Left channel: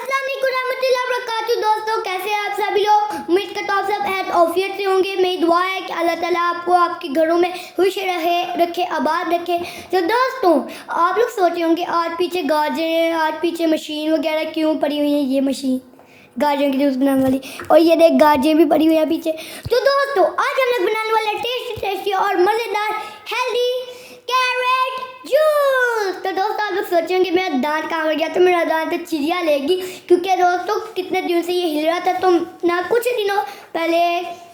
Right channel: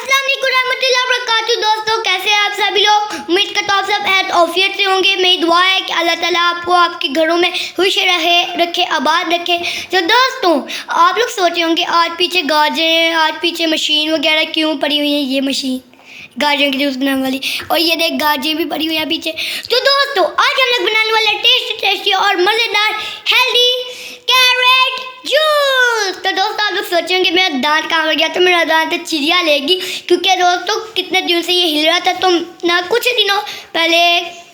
अस्सलाम वालेकुम रहमतुल्लाहि व बरकातहू। दोस्तों, कैसे हैं आप सभी लोग? उम्मीद करता हूँ आप सब हैत औफियत से होंगे। मेरी दुआ है कि अल्लाह ताला आपको आपके घरों में खुश रखे, आबाद रखे। तो दोस्तों, आप लोग सोचे होंगे आज पीछे गाजरें, आज पीछे मशीन वगैरह क्यों पड़ी हुई है। ये मशीन गाजरों की जूस बनाने वाली, और ये देख गाजरें भी पड़ी हुई है पीछे। तो दोस्तों, आज हम लोग बनाने वाले टेस्टी और मज़ेदार हेल्दी कैरेट जूस। तो दोस्तों, आप लोग सोचे होंगे मेरा दांत कहाँ हो गया। तो मेरा दांत चिड़िया लेगी, क्योंकि दोस्तों कितने दिन से ये हिल रहा था। तो ना कुछ दिनों पहले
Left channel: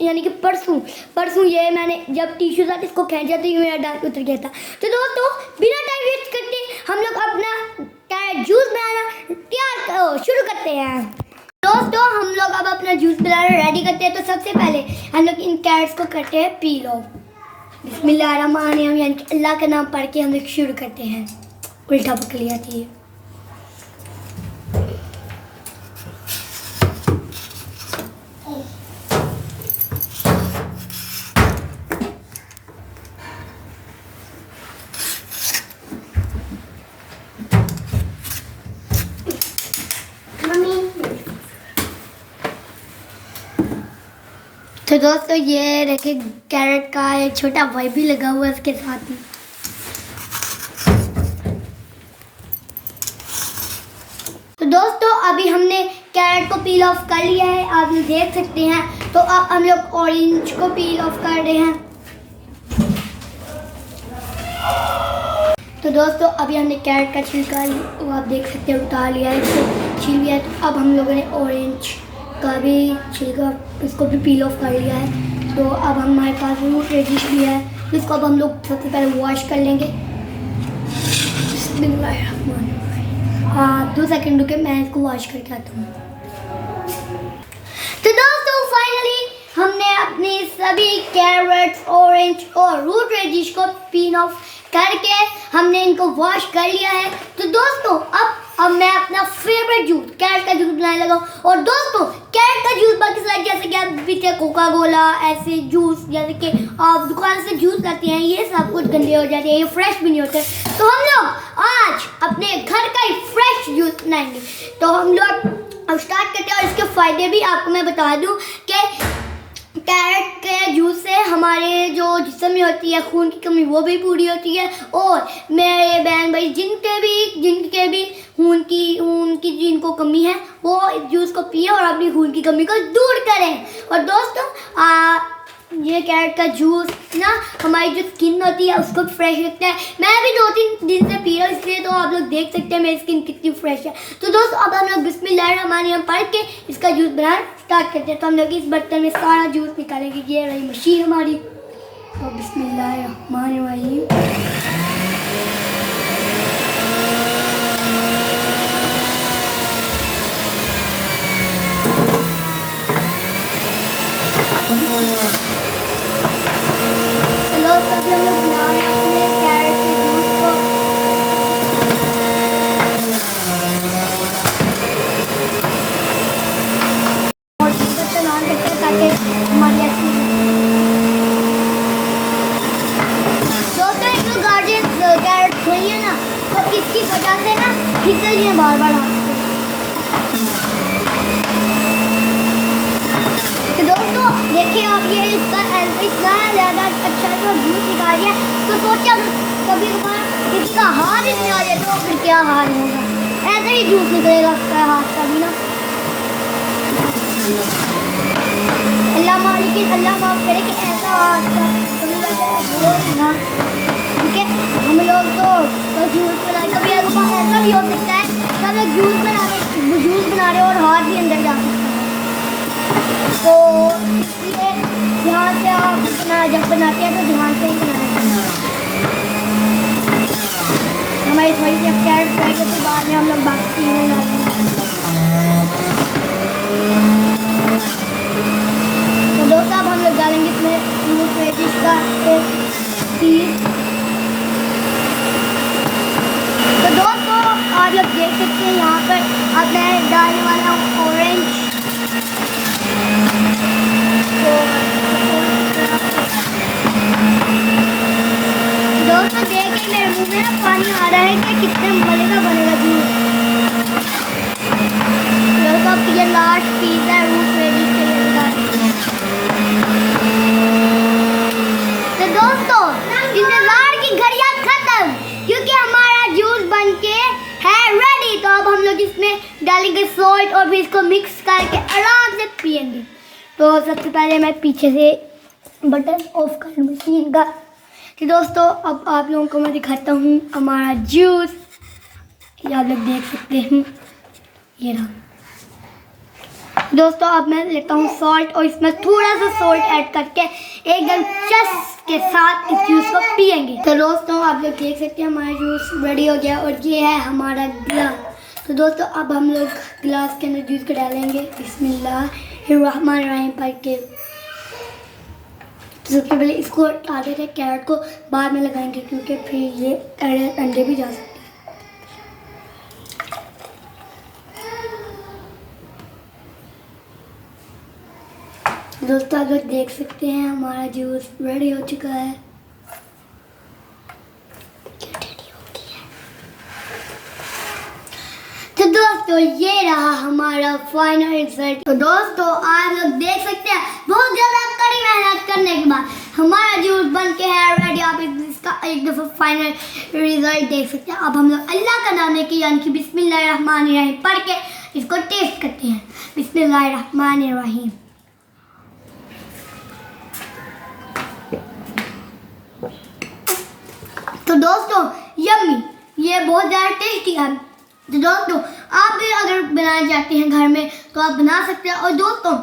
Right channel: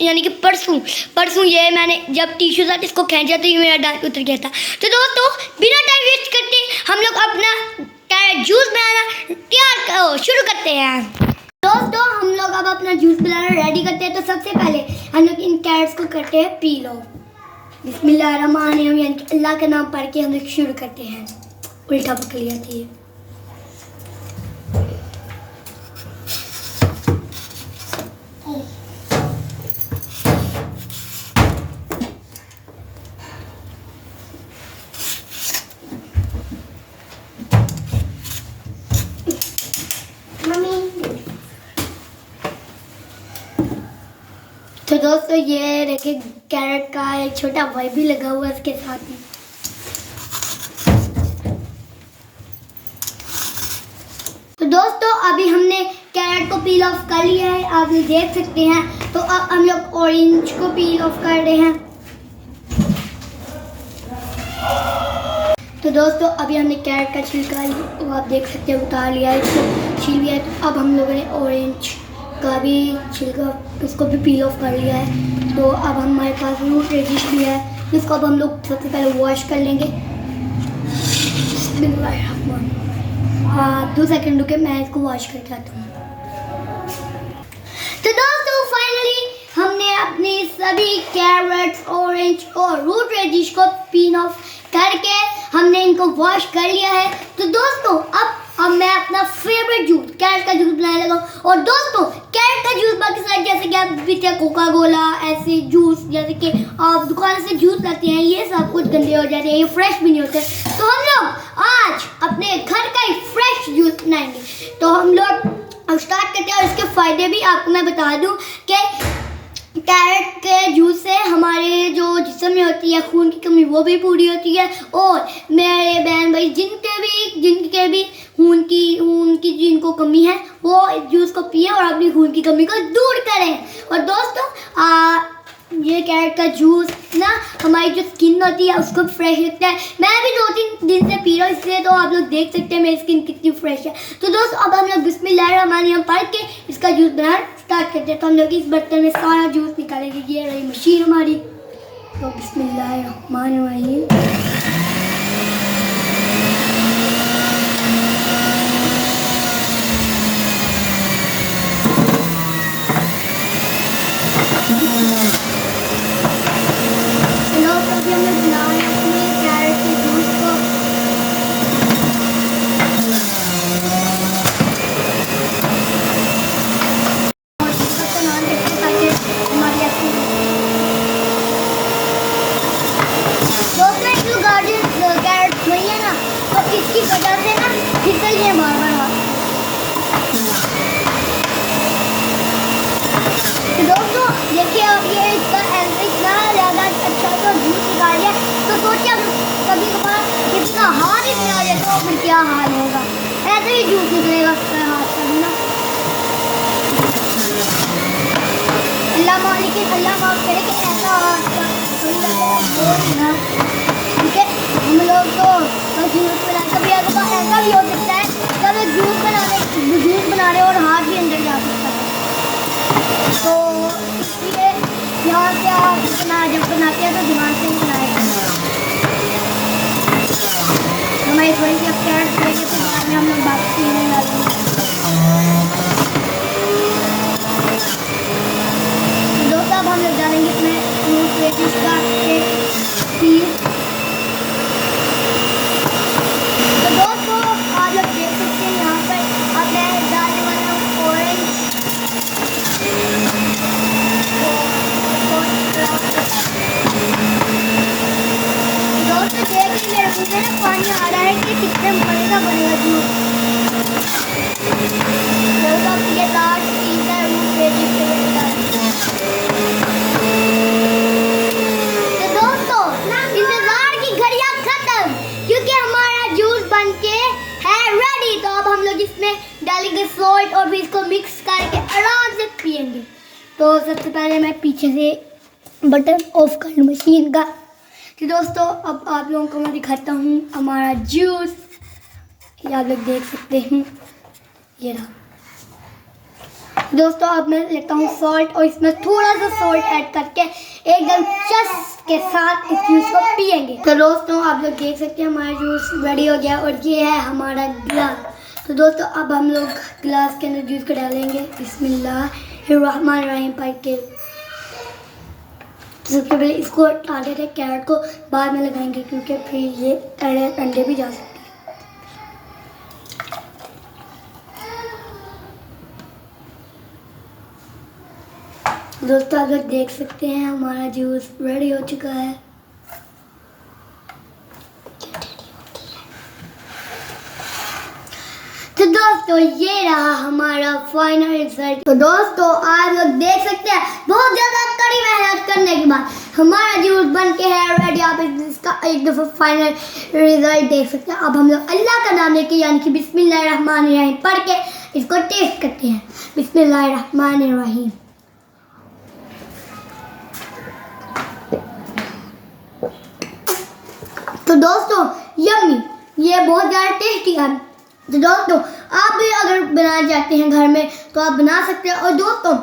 यानी कि परसों ये मैंने जब टिश्यू साथ इसको खींचा तो ये मेरा दांत उतर गया था। तो दोस्तों, बिना टाइम वेस्ट करते हम लोग अपना कैरेट जूस बनाना शुरू करते हैं। दोस्तों, हम लोग अब अपना जूस बनाना रेडी करते हैं। तो सबसे पहले हम लोग इन कैरेट्स को करते हैं पील ऑफ। बिस्मिल्लाहिर्रहमानिर्रहीम यानी कि अल्लाह का नाम पढ़ के हम लोग शुरू करते हैं। उल्टा पकड़ लिया था ये। तो दोस्तों, ये रखे कैरेट का एक छोटा भाई भी लगा हुआ है इसके साथ में। तो दोस्तों, अभी हमने कैरेट को पील ऑफ कर लिया है, आप ये देख सकते हैं। तो अब हम लोग ऑरेंज को पील ऑफ कर रहे हैं। तो दोस्तों, अभी हमने कैरेट का छिलका वो आप देख सकते हैं उतार लिया है, इसको छील लिया है। तो अब हम लोगों ने ऑरेंज का भी छिलका इसको भी पील ऑफ कर लिया है। तो अब हमारे पास रूट रेडिश भी है, तो इसको अब हम लोग सबसे पहले वॉश कर लेंगे। हाँ, 2 सेकंड रुके, मैं इसको वॉश करके आता हूँ। तो दोस्तों, फाइनली हमने अपनी सभी कैरेट्स, ऑरेंज और रूट रेडिश को पील ऑफ करके हमने इनको वॉश कर लिया है। तो दोस्तों, अब मैं अपना फेवरेट जूस कैरेट का जूस बनाने लगा हूँ। और दोस्तों, कैरेट का जूस बाकी सारे जैसे कि आप पीते हैं कोका कोला, ऐसे जूस जैसे कि आप दुकान से जूस लाते हैं, ये सब कुछ गंदे हो जाते हैं, ये फ्रेश भी नहीं होते। तो हम लोग आज अपने घर का ही फ्रेश जूस बनाएंगे। तो हम लोग अब स्टार्ट करते हैं। और इसके फ़ायदे भी आपको मैं बता दूँ कि कैरेट के जूस से हमारे जो जिस्म में होती है खून की कमी वो भी पूरी होती है। और मेरे बहन भाई जिनके भी खून की जिनको कमी है वो इस जूस को पिए और अपनी खून की कमी को दूर करें। और दोस्तों, ये कैरेट का जूस ना हमारी जो स्किन होती है उसको फ्रेश रखता है। मैं भी 2-3 दिन से पी रहा हूँ, इसलिए तो आप लोग देख सकते हैं मेरी स्किन कितनी फ्रेश है। तो दोस्तों, अब हम लोग बिस्मिल्लाहिर्रहमानिर्रहीम पढ़ के इसका जूस बनाना स्टार्ट करते हैं। तो हम लोग इस बर्तन में सारा जूस निकालेंगे। ये रही मशीन हमारी। तो बिस्मिल्लाहिर्रहमानिर्रहीम। अभी हम लोग बना रहे हैं अपने कैरेट के जूस को। दोस्तों, एक जो कैरेट नहीं है ना, तो इसकी वजह से ना फिसल है बार-बार। तो दोस्तों, देखिए आप ये इतना ज़्यादा अच्छा जो जूस निकाल है। तो सोचिए कभी कभार इसका हाथ ही नहीं आ जाए तो फिर क्या हाल होगा। ऐसे ही जूस निकलेगा उसका हाथ का भी ना। अल्लाह मालिक अल्लाह माफ़ करे कि ऐसा ठीक है। हम लोग तो जूस बनाए, कभी ऐसा भी हो सकता है कभी जूस बना रहे और हाथ भी अंदर जा सकता है। तो इसलिए यहाँ से आप जब बनाते हैं तो ध्यान से ही बनाते हैं। हमारे थोड़ी सी कैरेट करके तो बाद में हम लोग बात करने लगेंगे। तो दोस्तों, अब हम लोग डालेंगे इसमें रूट रेडिश का एक पीस। तो दोस्तों, आप लोग देख सकते हैं यहाँ पर अब मैं डालने वाला हूँ ऑरेंज। दोस्तों, देखिए मेरे मुंह में पानी आ रहा है कि कितने मज़े का बनेगा जूस। डालेंगे सॉल्ट और फिर इसको मिक्स करके आराम से पियेंगे। तो सबसे पहले मैं पीछे से बटन ऑफ कर मशीन का। तो दोस्तों अब आप लोगों को मैं दिखाता हूँ हमारा जूस। ये आप लोग देख सकते हैं, ये रहा। दोस्तों अब मैं लेता हूँ सॉल्ट और इसमें थोड़ा सा सॉल्ट ऐड करके एकदम चस के साथ इस जूस को पियेंगे। तो दोस्तों आप लोग देख सकते हैं हमारा जूस रेडी हो गया और ये है हमारा ग्लास। तो दोस्तों अब हम लोग ग्लास के अंदर जूस को डालेंगे बिस्मिल्लाहिर्रहमानिर्रहीम पढ़ के। तो सबसे पहले इसको डाल देते हैं, कैरेट को बाद में लगाएंगे क्योंकि फिर ये अंडे भी जा सकते हैं। दोस्तों आप लोग देख सकते हैं हमारा जूस रेडी हो चुका है। तो दोस्तों ये रहा हमारा फाइनल रिजल्ट। तो दोस्तों आप लोग देख सकते हैं बहुत ज़्यादा कड़ी मेहनत करने के बाद हमारा जूस बन के है रेडी। आप इसका एक दफ़ा फाइनल रिजल्ट देख सकते हैं। अब हम लोग अल्लाह का नाम लेके यानी कि बिस्मिल्लाहिर्रहमानिर्रहीम पढ़ के इसको टेस्ट करते हैं। बिस्मिल्लाहिर्रहमानिर्रहीम। तो दोस्तों यम्मी, ये बहुत ज़्यादा टेस्टी है। तो दोस्तों आप भी अगर बनाना चाहते हैं घर में तो आप बना सकते हैं। और दोस्तों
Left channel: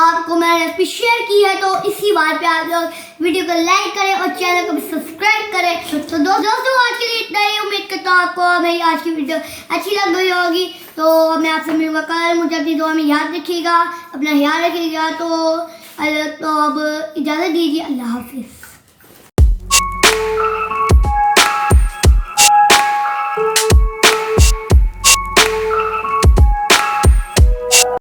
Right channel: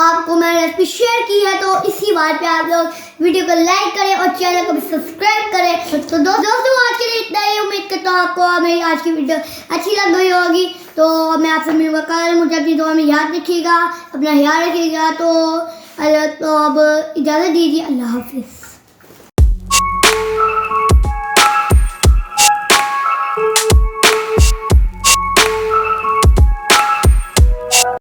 आपको मैंने रेसिपी शेयर की है तो इसी बात पे आप लोग वीडियो को लाइक करें और चैनल को भी सब्सक्राइब करें। तो दोस्तों आज के लिए इतना ही। उम्मीद करता हूँ आपको मेरी आज की वीडियो अच्छी लग गई होगी। तो मैं आपसे मिलूंगा कल। मुझे अपनी दुआ में याद रखिएगा, अपना ख्याल रखिएगा। तो अब इजाज़त दीजिए, अल्लाह हाफिज़।